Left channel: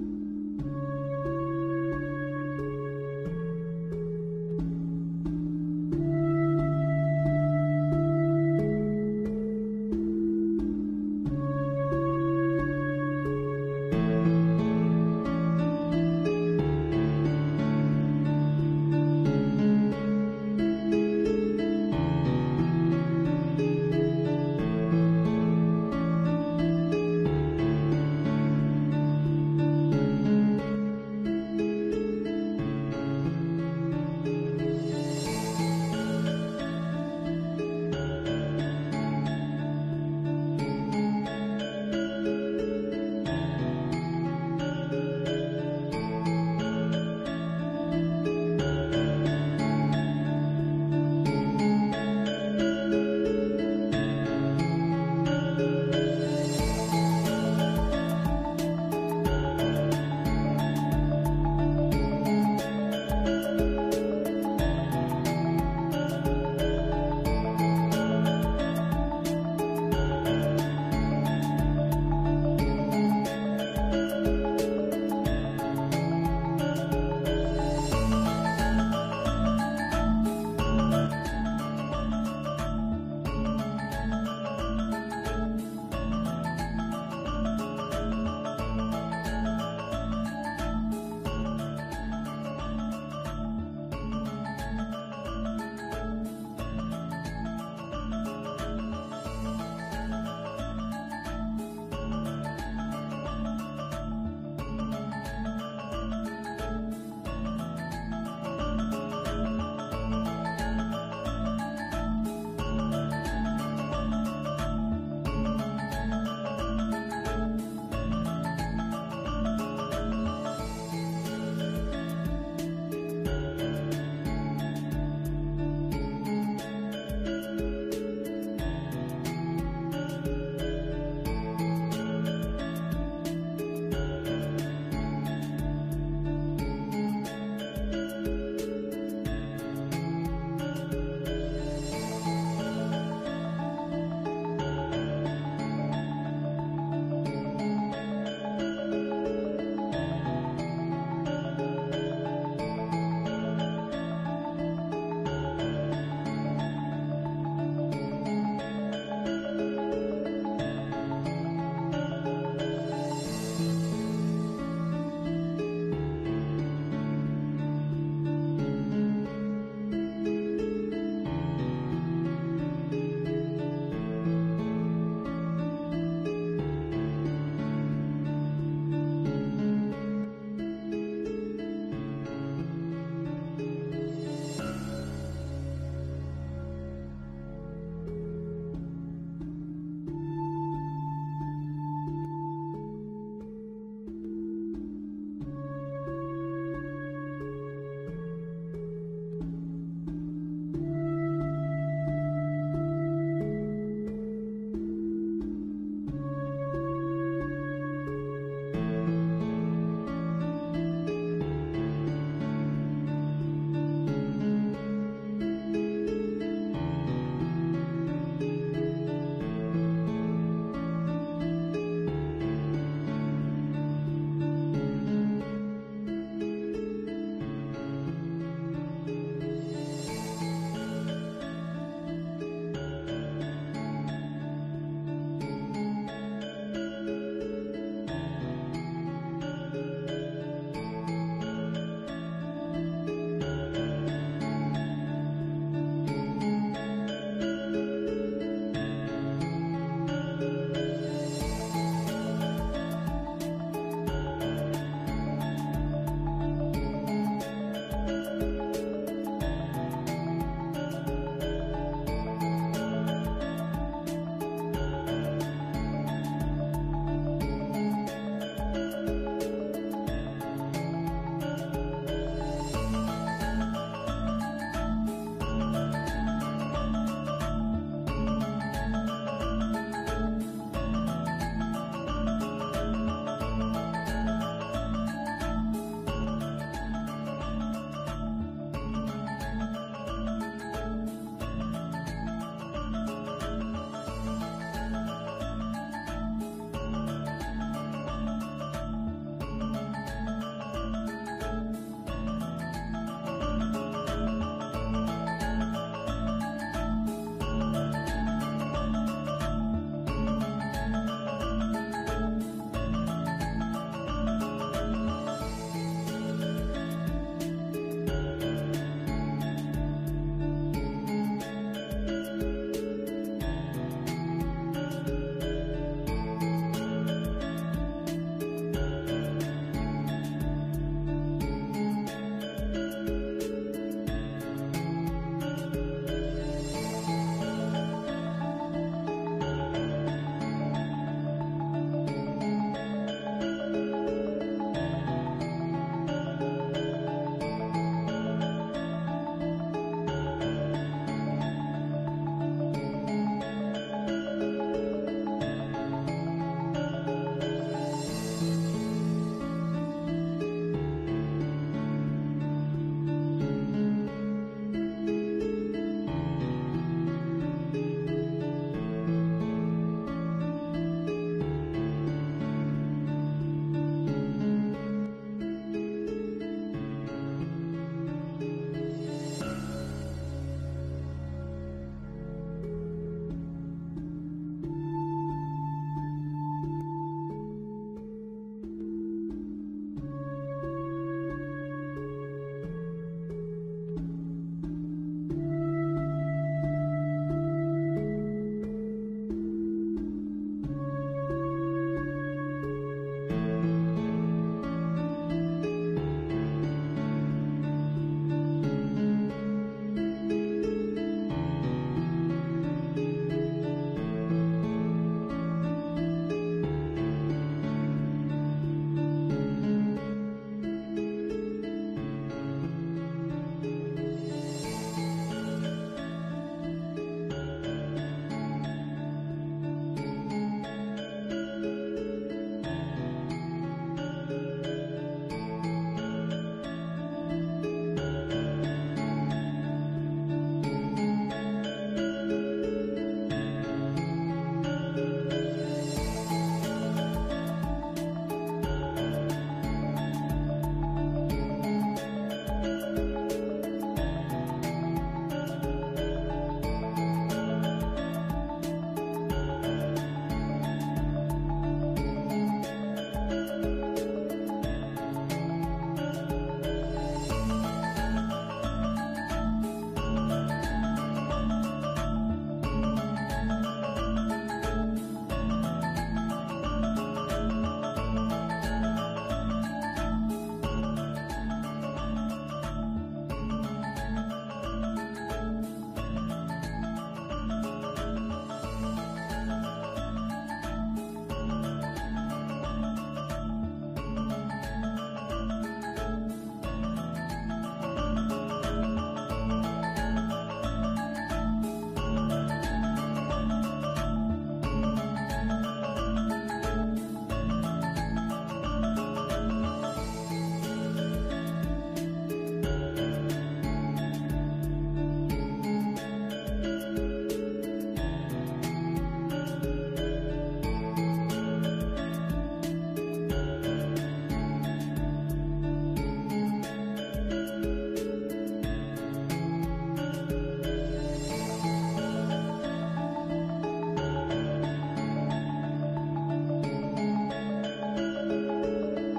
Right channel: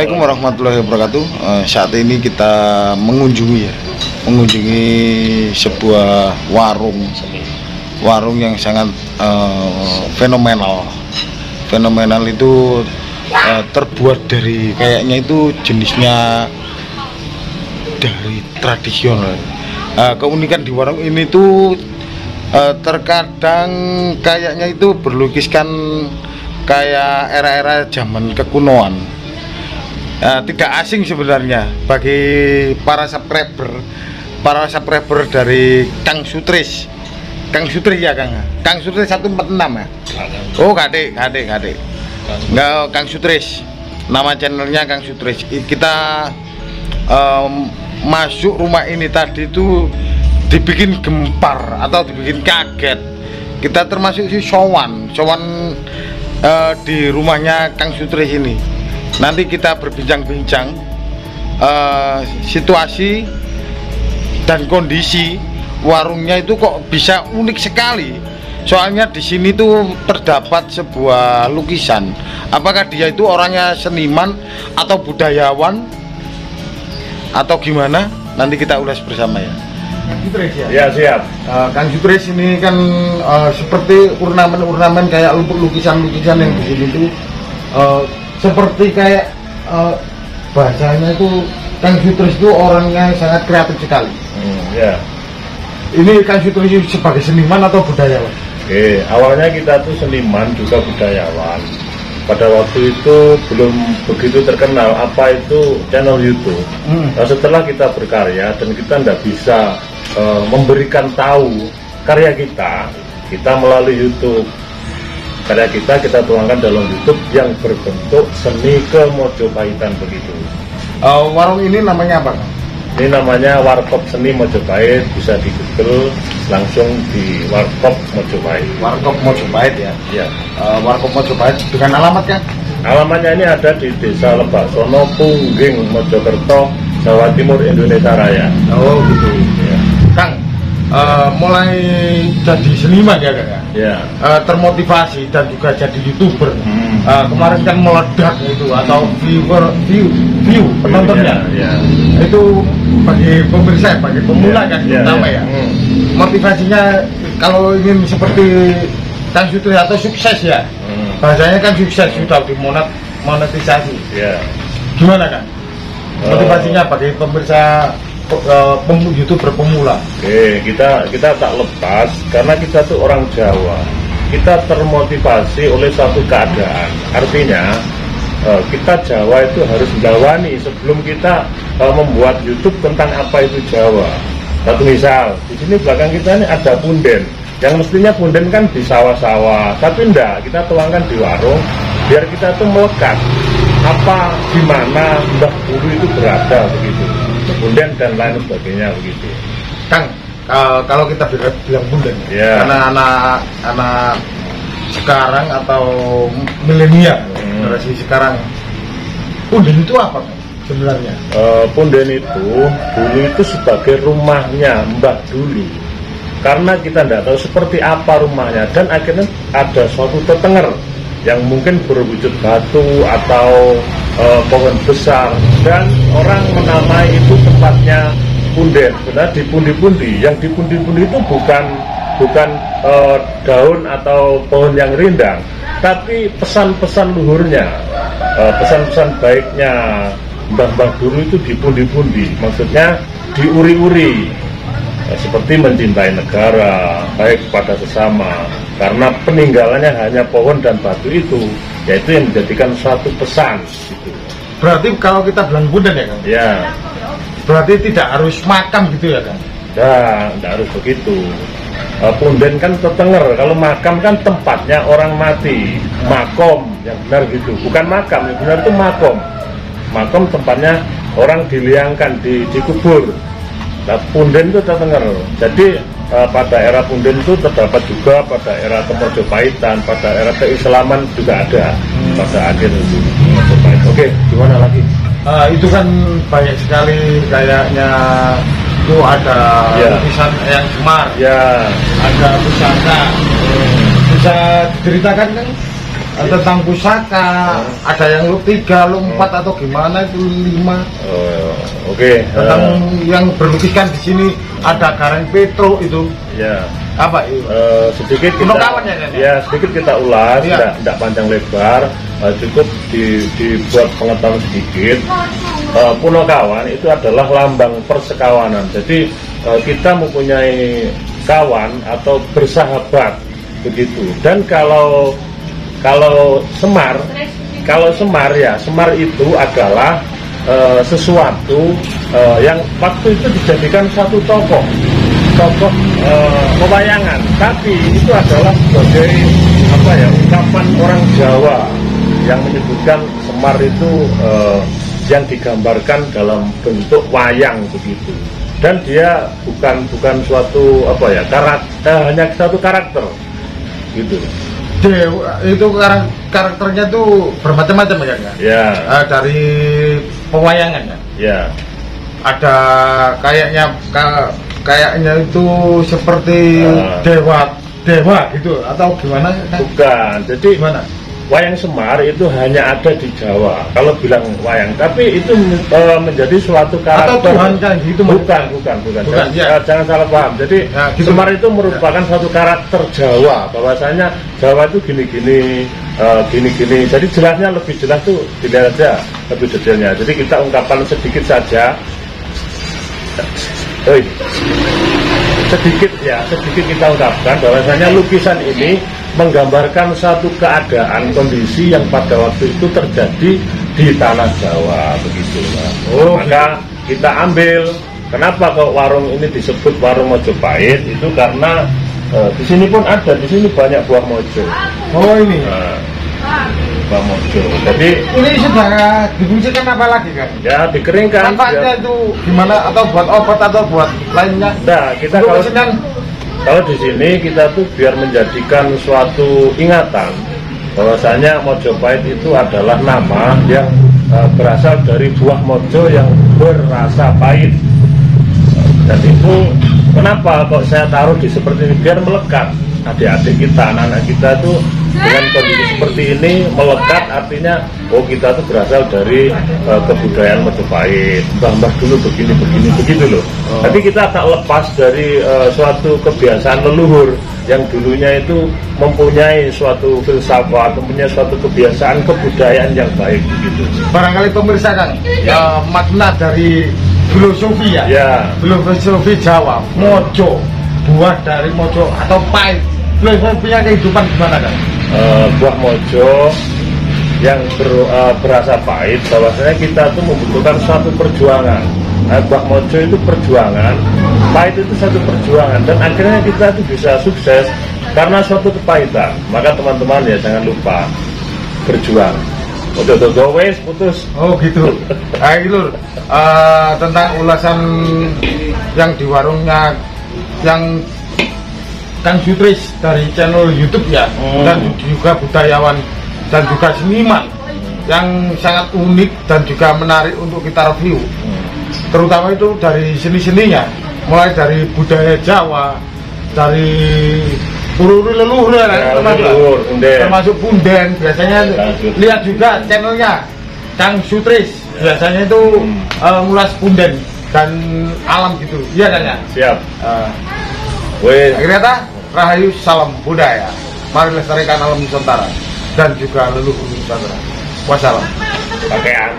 Assalamualaikum warahmatullahi wabarakatuh. Saat ini kita mengunjungi sebuah warung yang sangat fenomenal. Fenomenal itu terbuat dari kayaknya itu jenisnya dari tradisional. Keunikan di warung ini tuh terkadang kayaknya itu berlukiskan kayak era-era zaman kekunoan. Tidak asing sebenarnya bagi para subscriber dari Kang Sutris ya Kang Sutris 146 ya. Oh kadek enggak, Kang Sutris, nama channelnya Kang Sutris. Kita masuk rumah ini tadi itu dibikin gempar atau dibikin kaget. Kita termasuk si sowan di rumahnya Kang Sutris ini. Nanti kita berbincang-bincang situasi dan kondisi warungnya itu kok bisa unik sekali. Soalnya di sini tuh terdapat sebuah lukisan. Apakah dia itu orangnya seniman atau budayawan atau gimana? Nanti kita ulas bersama ya. Sutris ya? Ya siap. Kang Sutris ini kan seperti ornamen kayak lukisan-lukisan yang di sini tuh seperti kayak bahasanya itu Kang Sutris itu orangnya sangat kreatif sekali. Ya. Ini Kang Sutris sebagai seniman atau budayawan? Oke, awalnya kita tuh seniman juga budayawan. Pada waktu itu belum begitu terkenal apa itu channel YouTube. Nah, setelah kita berkarya dan kita tidak bisa memberikan tahu karya kita melalui YouTube. Karya kita tuangkan dalam YouTube yang berbentuk seni kemojopahitan begitu. Warung ini namanya apa? Ini namanya Warkop Seni Mojopahit, bisa di Google langsung di Warkop Mojopahit. Warkop Mojopahit ya. Ya. Warkop Mojopahit dengan alamatnya? Alamatnya ini ada di Desa Lebaksono, Pungging, Mojokerto, Jawa Timur, Indonesia Raya. Oh gitu. Ya. Kang, mulai jadi seniman ya Kang? Ya. Termotivasi dan juga jadi YouTuber. Kemarin kan meledak itu atau view penontonnya. Ya. Itu bagi pemirsa, bagi pemula kan terutama ya. Motivasinya kalau ingin seperti Kang Sutris atau sukses ya. Bahasanya kan sukses sudah dimonetisasi. Ya. Gimana Kang? Motivasinya bagi pemirsa YouTuber pemula. Oke, kita tak lepas karena kita tuh orang Jawa. Kita termotivasi oleh suatu keadaan. Artinya kita Jawa itu harus menjawani sebelum kita membuat YouTube tentang apa itu Jawa. Satu misal, di sini belakang kita ini ada punden. Yang mestinya punden kan di sawah-sawah, tapi enggak, kita tuangkan di warung biar kita tuh melekat apa di mana Mbah Guru itu berada begitu. Punden dan lain sebagainya begitu. Kang, kalau kita bilang punden, ya. Karena anak sekarang atau milenial generasi sekarang, punden itu apa sebenarnya? Punden itu dulu itu sebagai rumahnya Mbah dulu. Karena kita tidak tahu seperti apa rumahnya dan akhirnya ada suatu tetenger yang mungkin berwujud batu atau pohon besar dan orang menamai itu tempatnya punden. Benar di pundi-pundi, yang di pundi-pundi itu bukan daun atau pohon yang rindang, tapi pesan-pesan luhurnya, pesan-pesan baiknya mbah-mbah dulu itu di pundi-pundi, maksudnya diuri-uri, seperti mencintai negara, baik kepada sesama, karena peninggalannya hanya pohon dan batu itu, yaitu yang menjadikan suatu pesan. Gitu. Berarti kalau kita bilang punden ya Kang? Ya. Berarti tidak harus makam gitu ya Kang? Ya, tidak harus begitu. Punden kan tetenger, kalau makam kan tempatnya orang mati, makom, yang benar gitu, bukan makam, yang benar itu makom. Makom tempatnya orang diliangkan, dikubur. Nah, punden itu tetenger. Jadi pada era punden itu terdapat juga pada era Kemojopahitan, pada era keislaman juga ada pada akhir itu Mojopahit. Oke, gimana lagi? Itu kan banyak sekali kayaknya. Itu ada lukisan yang Semar, ya, ada pusaka. Bisa diceritakan kan tentang pusaka, ada yang lu 3, lu 4 atau gimana itu 5. Oke. Tentang yang berlukiskan di sini ada Gareng Petro itu. Ya. Apa itu? Sedikit kita sedikit kita ulas, tidak panjang lebar, cukup dibuat pengetahuan sedikit. Punokawan itu adalah lambang persekawanan. Jadi kita mempunyai kawan atau bersahabat begitu. Dan kalau Semar itu adalah sesuatu yang waktu itu dijadikan satu tokoh pewayangan, tapi itu adalah sebagai ungkapan orang Jawa yang menyebutkan Semar itu yang digambarkan dalam bentuk wayang begitu. Dan dia bukan suatu hanya satu karakter gitu. Itu karakternya tuh bermacam-macam ya kan? Ya. Dari pewayangan ya. Ya. Ada kayaknya itu seperti dewa gitu atau gimana? Bukan. Jadi gimana? Wayang Semar itu hanya ada di Jawa. Kalau bilang wayang, tapi itu menjadi suatu karakter. Atau Tuhan kan gitu? Bukan. Jangan salah paham. Jadi gitu. Semar itu merupakan suatu karakter Jawa. Bahwasanya Jawa itu gini-gini. Jadi jelasnya lebih jelas tuh dilihat aja lebih detailnya. Jadi kita ungkapkan sedikit saja. Sedikit kita ungkapkan bahwasanya lukisan ini menggambarkan satu keadaan kondisi yang pada waktu itu terjadi di tanah Jawa begitu. Maka kita ambil. Kenapa kok warung ini disebut warung Mojopahit? Itu karena di sini pun ada, di sini banyak buah mojo. Oh ini. Buah mojo. Jadi ini sudah difungsikan apa lagi kan? Ya dikeringkan. Manfaatnya itu gimana? Atau buat obat atau buat lainnya? Nah, kita kalau di sini kita tuh biar menjadikan suatu ingatan bahwasanya Mojopahit itu adalah nama yang berasal dari buah mojo yang berasa pahit. Dan itu kenapa kok saya taruh di seperti ini biar melekat adik-adik kita, anak-anak kita tuh dengan kondisi seperti ini melekat, artinya kita tuh berasal dari kebudayaan Mojopahit. Mbah dulu begini begitu loh. Tapi kita tak lepas dari suatu kebiasaan leluhur yang dulunya itu mempunyai suatu filsafat, mempunyai suatu kebiasaan kebudayaan yang baik begitu. Barangkali pemirsa kan makna dari filosofi ya. Filosofi Jawa, mojo, buah dari mojo atau pahit. Filosofinya kehidupan gimana kan? Buah mojo yang berasa pahit, bahwasanya kita tuh membutuhkan suatu perjuangan. Buah mojo itu perjuangan, pahit itu satu perjuangan, dan akhirnya kita tuh bisa sukses karena suatu kepahitan. Maka teman-teman ya jangan lupa berjuang. Putus. Oh gitu. Lur, tentang ulasan yang di warungnya yang Kang Sutris dari channel YouTube ya, dan juga budayawan dan juga seniman yang sangat unik dan juga menarik untuk kita review. Terutama itu dari seni-seninya, mulai dari budaya Jawa, dari ururi leluhur termasuk punden. Biasanya lihat juga channelnya Kang Sutris, biasanya itu ngulas punden dan alam gitu. Iya kan ya? Siap. Akhirnya Rahayu, salam budaya. Mari lestarikan alam Nusantara dan juga leluhur Nusantara. Wassalam. Pakaian.